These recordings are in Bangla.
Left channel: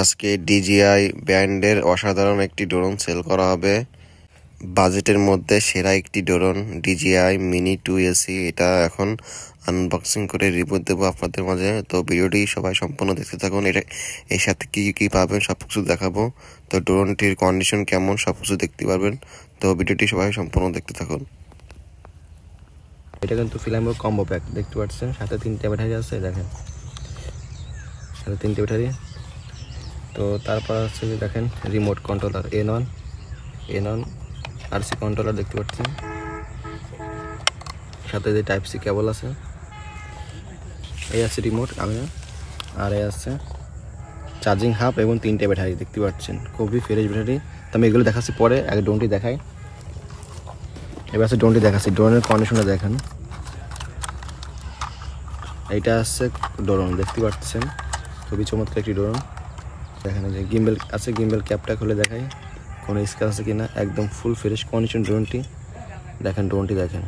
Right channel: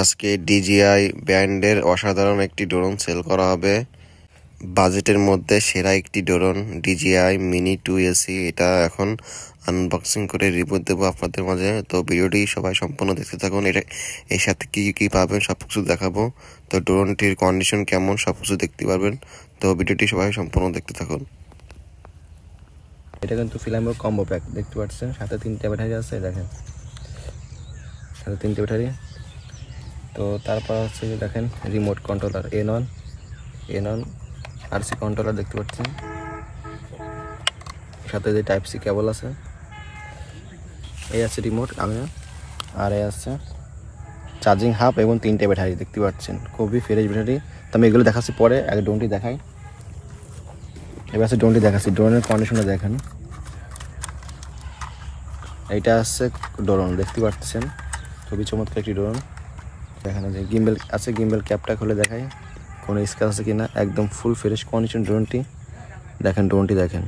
আজকে DJI ব্র্যান্ডের অসাধারণ একটি ড্রোন সেল করা হবে। বাজেটের মধ্যে সেরা একটি ড্রোন DJI Mini 2 AC। এটা এখন আনবক্সিং করে রিভিউ দেবো আপনাদের মাঝে। তো ভিডিওটি সবাই সম্পূর্ণ দেখতে থাকুন। এর সাথে কি পাবেন সব কিছু দেখাবো। তো ড্রোনটির কন্ডিশন কেমন সব কিছু দেখতে পারবেন। তো ভিডিওটি সবাই সম্পূর্ণ দেখতে থাকুন। এটা কিন্তু ফিল্মের কম্বো প্যাক দেখতে পাচ্ছেন, সাথে 3টে ব্যাটারি আছে, দেখেন সাথে 3টে ব্যাটারি। তো তারপর হচ্ছে যে দেখেন remote controller N RC controller দেখতে পাচ্ছেন, সাথে যে টাইপ সি কেবল আছে, এই আছে রিমোট আর এই আছে চার্জিং হাব এবং 3টে ব্যাটারি দেখতে পাচ্ছেন, খুবই ফ্রেশ ব্যাটারি। তো আমি এগুলো দেখাচ্ছি পরে, আগে ড্রোনটি দেখাই। এবার আছে ড্রোনটি দেখাচ্ছি, ড্রোনের কন্ডিশনটা দেখেন। এইটা আছে ড্রোন দেখতে পাচ্ছেন, খুবই চমৎকার একটি ড্রোন। দেখেন যে গিম্বেল আছে, গিম্বেল ক্যাপটা খুলে দেখাই কোনো স্ক্র্যাচ আছে কিনা। একদম ফুল ফ্রেশ কন্ডিশন ড্রোনটি। দেখেন ড্রোনটি দেখেন,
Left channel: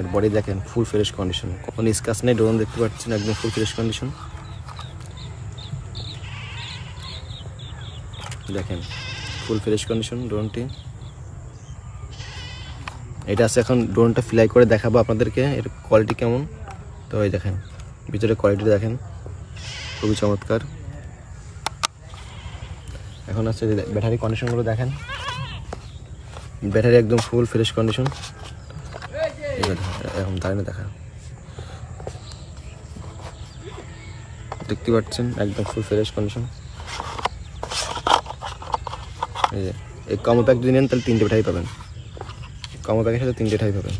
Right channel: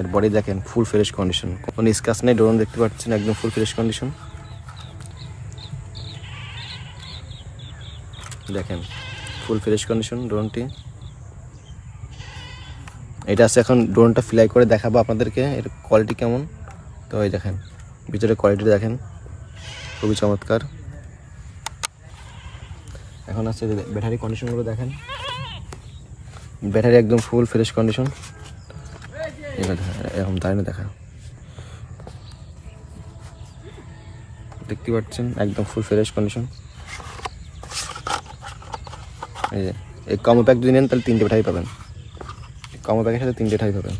এর বডি দেখেন ফুল ফ্রেশ কন্ডিশন, কোনো স্ক্র্যাচ নেই। ড্রোন দেখতে পাচ্ছেন একদম ফুল ফ্রেশ কন্ডিশন। দেখেন ফুল ফ্রেশ কন্ডিশন ড্রোনটি। এটা আছে এখন ড্রোনটা ফ্লাই করে দেখাবো আপনাদেরকে এর কোয়ালিটি কেমন। তো এই দেখেন ভিতরে কোয়ালিটি দেখেন, খুবই চমৎকার। এখন আছে ব্যাটারি কন্ডিশনগুলো দেখেন, ব্যাটারি একদম ফুল ফ্রেশ কন্ডিশন। এখন দাঁড়িয়ে দেখেন, দেখতে পাচ্ছেন একদম ফুল ফ্রেশ কন্ডিশন। এই যে এই কম্বো প্যাক যদি নেন তাহলে 3টে ব্যাটারি পাবেন, কম্বো প্যাকের সাথে 3টে ব্যাটারি পাবেন।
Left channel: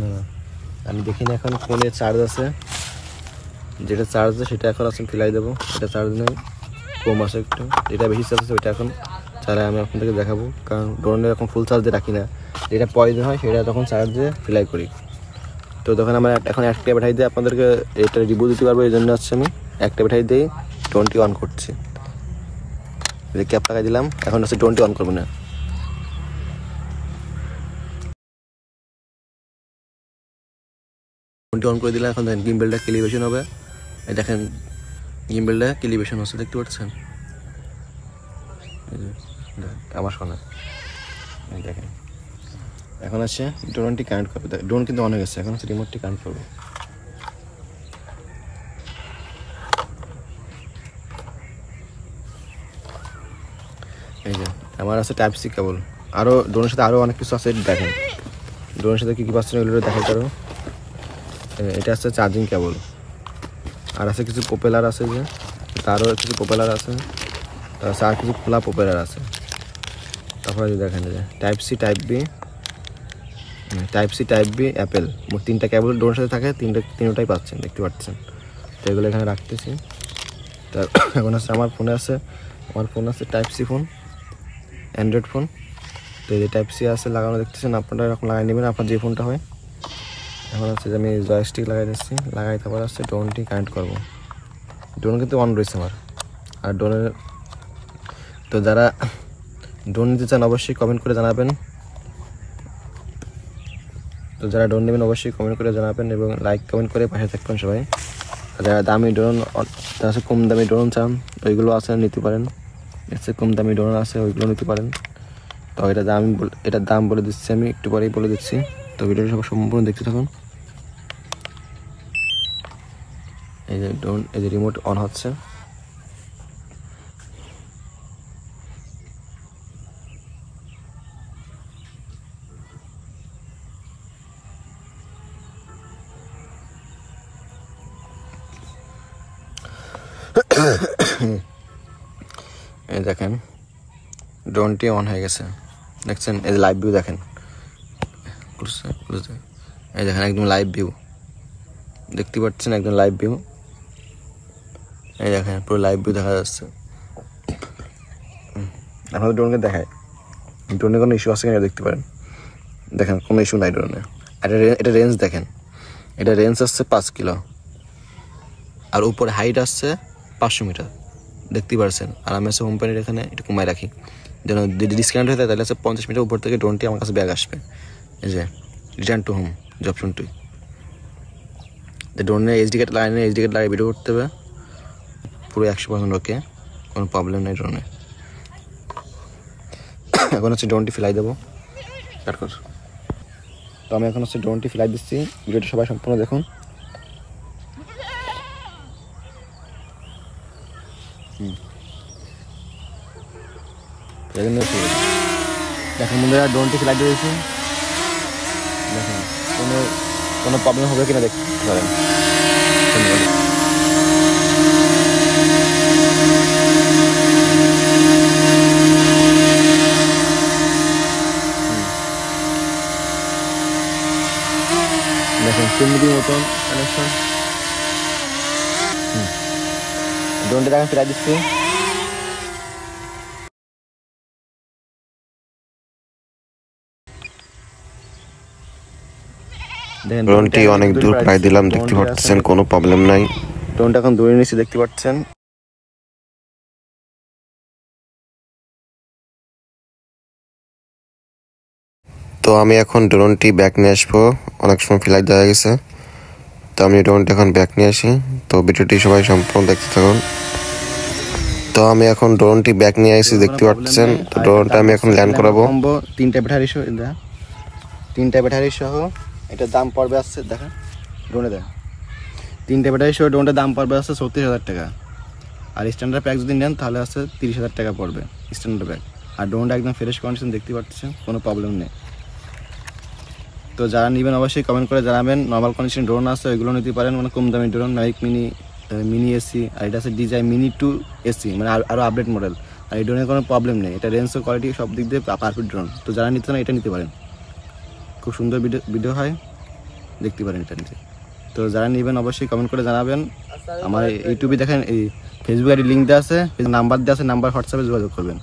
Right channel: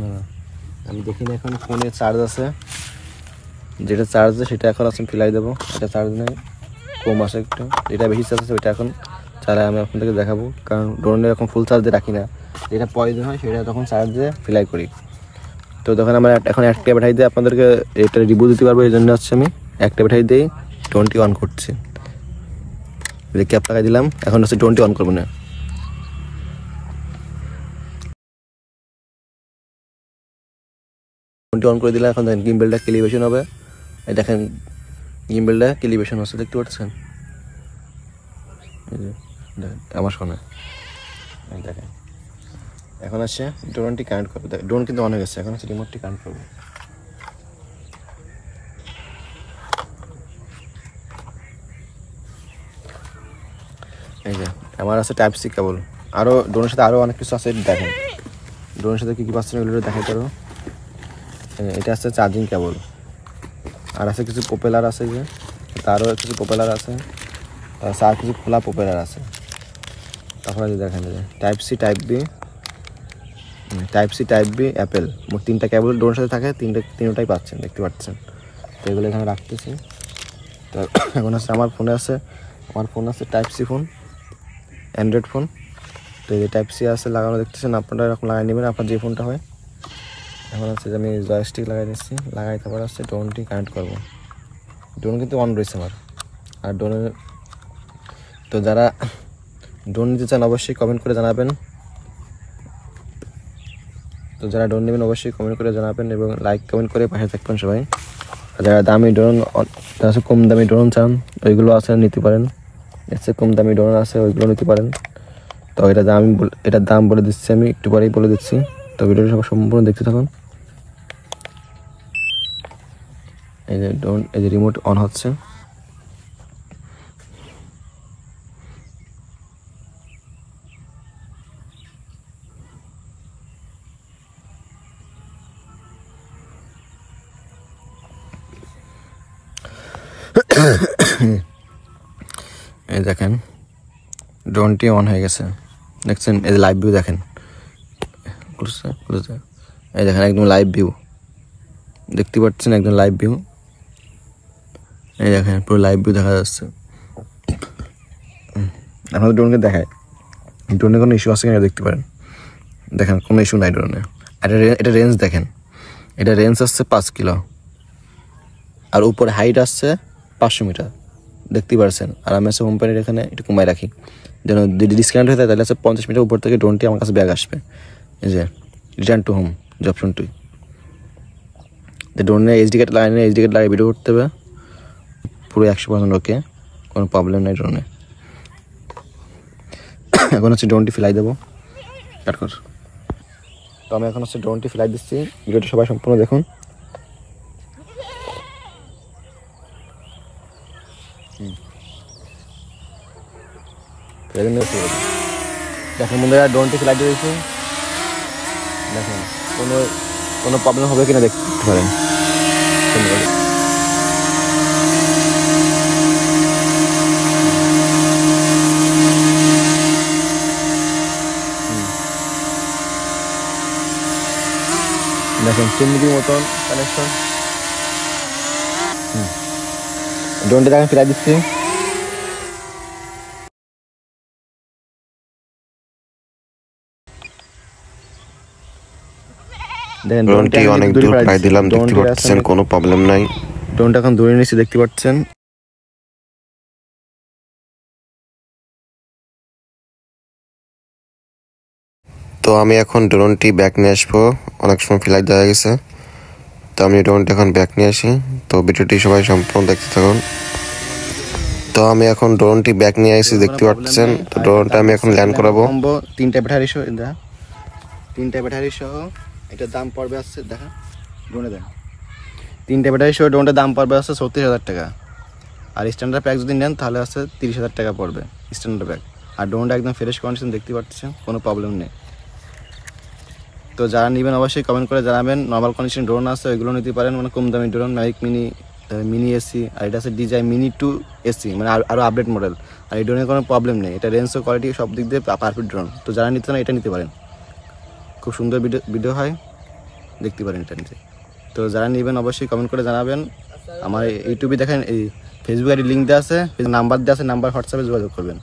না আমি দেখিনি এখন ফোনে চার্জ আছে, যেটা চার্জ আছে সেটা এখন আসুন ফিলাই দেবো। এটা চার্জ নেই, কম আছে একটু, যেটা বেশি চার্জ আছে ওইটা এখন চালে আমি আপনাদেরকে দেখাবো। কারণ ড্রোনে এখন ফুল চার্জ দিয়ে রাখি না, যেটা প্রয়োজন হয় সেটা তখন চার্জ দিয়ে ফিলাই করি। তো তখন আমার এখন একটা ব্যাটারি দিয়ে আপনাদেরকে এটা রিভিউ দিতে পারবো, এই জন্য হচ্ছে আমি একটা ব্যাটারি দিয়ে ড্রোনটি অন করছি। ক্যাপ লাগাই দিলাম, এখন হচ্ছে ড্রোনটি অন করবো না। ড্রোনটি অন করে দিলাম, এখন দেখেন গিম্বেলটা ক্যালিব্রেশন হবে। এই দেখেন গিম্বেলটা ক্যালিব্রেশন হচ্ছে, দেখতে পাচ্ছেন আমার শোনে। এই দেখেন এখন আছে ড্রোনটি কানেক্ট করবে। ড্রোন কিন্তু অন হয়ে গেছে, এখন হচ্ছে রিমোটটি কানেক্ট করবো। এই যে আমার আছে টাইপ সি কেবল, আরও ড্রোনের সাথে আরও অনেক কিছু আছে দেখেন। ড্রোনের সাথে কী পাচ্ছেন এগুলো দেখাই পারো। এটা আছে চার্জিং কেবল, আর আছে কিছু প্রপেলার আছে, যে তারও কিছু প্রপেলার আছে, তারপর আর কিছু খোলা প্রপেলার আছে। তারপরে দেখেন যে type C type B Apple, মোট 3টা কেবল ড্রোনের সাথে থাকে, তিনটাই পাচ্ছেন দেখতে পাচ্ছেন। তো এগুলো এখানে রাখতেছি। তো এখন আছে আমার ফোন আছে type C phone, Android phone. তো এই যে টাইপ সি আছে লাগানো দেখতেছেন, আপনারা এরকম লাগাই নেবেন আপনার যে ফোনটা হয়। এখন হচ্ছে যে আমি জয়স্টিক লাগাই দিচ্ছি, লাগাই তারপর হচ্ছে ড্রোনটি কানেক্ট করবো। ড্রোন কিন্তু অন রয়েছে আমার। আর ড্রোনের তো যারা ড্রোন নিতে চান অবশ্যই কমেন্ট করে জানাবেন। তো যারা ড্রোন নেবেন অবশ্যই কমেন্ট করে জানাবেন এবং লাইক কমেন্ট করে পাশে থাকবেন সবাই। যারা দামি ড্রোন, কম দামি ড্রোন চান ওইগুলো আছে নিতে পারেন, এর চেয়ে কম দামি ড্রোন আছে ওইগুলো নিতে পারেন। তো এটার দাম বলে দিচ্ছি, আমি একটু পরেই বলে দিচ্ছি। তো ভিডিওটা সব সম্পূর্ণ দেখতে থাকুন। এই যে ড্রোন, এই যে রিমোট অন হচ্ছে। এই দেখেন ড্রোনটি অন হয়ে গেছে, দেখছেন। এই যে লাইভ ভিউ দেখেন, এই দেখেন একদম লাইভ ভিউ দেখতে পাচ্ছেন, একদম লাইভ ভিউ। এই দেখেন পুরো লাইভ ভিউ দেখা যাচ্ছে। এখন ড্রোনকে দেখায়, ড্রোনে কোনো ইস্যু আছে কিনা দেখতে পারেন। দেখেন কোনো ইস্যু নাই ড্রোনে। এটা রেঞ্জ দেখেন, এটা রেঞ্জ আসছে 5 কিলো, আর উপরে হাইট আসছে 500 মিটার দেখতে পাচ্ছেন। আর আমি আছে কোম্পানির এখানে একটু কমায় রাখি, যেন যদি ডিসকাউন্ট হয়ে যায় তাহলে আছে 50 মিটার উপর থেকে ড্রোনটি আমার কাছে ব্যাগ আসবে। এই যে রিটার্ন টু হোম। যে অপশনটি, যে ড্রোনে এইচডি কার্ড লাগিয়ে ভিডিও করতে হবে পুরো 100% ওকে, কোনো প্রবলেম নেই ড্রোনে। এখন হচ্ছে ড্রোনটি ফ্লাই দেবো, কাট কর। তো আমি এখন হচ্ছে ড্রোনটি ফ্লাই দিচ্ছি, ভিডিওটা সবাই সম্পূর্ণ দেখুন। দেখেন বন্ধুরা ড্রোনটি ফ্লাই দিয়েছি, দেখেন কোনো প্রবলেম হবে কিনা দেখতে পারেন। দেখেন সুন্দর মতন কানেকশন। ড্রোনটি আমি ফিরাই দিচ্ছি। ড্রোনটি অনেক দূর প্রায় দিলাম, দেখতে পাচ্ছেন কোনো প্রবলেম নাই। ড্রোনটা এখন দূরে নিচে দেখতে পাচ্ছেন। তো আমি এখন ড্রোনটি ব্যাক নিয়ে আসবো, অনেক সময় ফ্লাইট দেওয়া গেছে, তো আমি ড্রোনটি এখন ব্যাক নিয়ে আসি। তো ভিডিওটি সবাই সম্পূর্ণ দেখতে থাকুন। তো আমি এখন ড্রোনটি ব্যাক নিয়ে আসি, দেখতে পাচ্ছেন। তো ড্রোনটা আমি এখন ল্যান্ড করাবো। 3টা ব্যাটারি সহ, 3টা ব্যাটারি সহ এটার দাম পড়বে আসছে, দেখা ড্রোনে দেখা 3টা ব্যাটারি সহ ড্রোনটার দাম পড়বে আসছে 36,000 টাকা। আর স্ট্যান্ডার্ড প্যাক যদি নেন তাহলে আছে 30,000 টাকা পড়বে স্ট্যান্ডার্ড প্যাক। আর ড্রোনটা একদম ফ্রেশ কন্ডিশন, দেখতে পাচ্ছেন কোনো প্রবলেম নেই। তো যারা নেবেন অবশ্যই কমেন্ট করে জানাবেন। নর্মাল কন্ডিশন ড্রোন আছে ওইগুলো নিতে পারেন, মানে কম দামি ড্রোন, ম্যাভিক মিনি এসি, আর এটা আছে DJI মিনি 2 এসি, মানে আরও আপডেট মডেল। আর এই ড্রোনের কোনো প্রবলেম নেই, এটা রেঞ্জ ও কোয়ালিটি সব দিক দিয়ে পারফেক্ট ড্রোন। তো যারা নিতে না এটা নিতে পারেন, খুব সুন্দর ভিডিও হয়, দেখতে পারেন এটা নিতে। তো যারা নেবেন অবশ্যই কমেন্ট করে জানাবেন। আমার ইউটিউবে দেখেন, এই ফেসবুক আইডি লিঙ্ক দেওয়া আছে, নাম্বার দেওয়া আছে, নাম্বার হোয়াটসঅ্যাপে যোগাযোগ করবেন।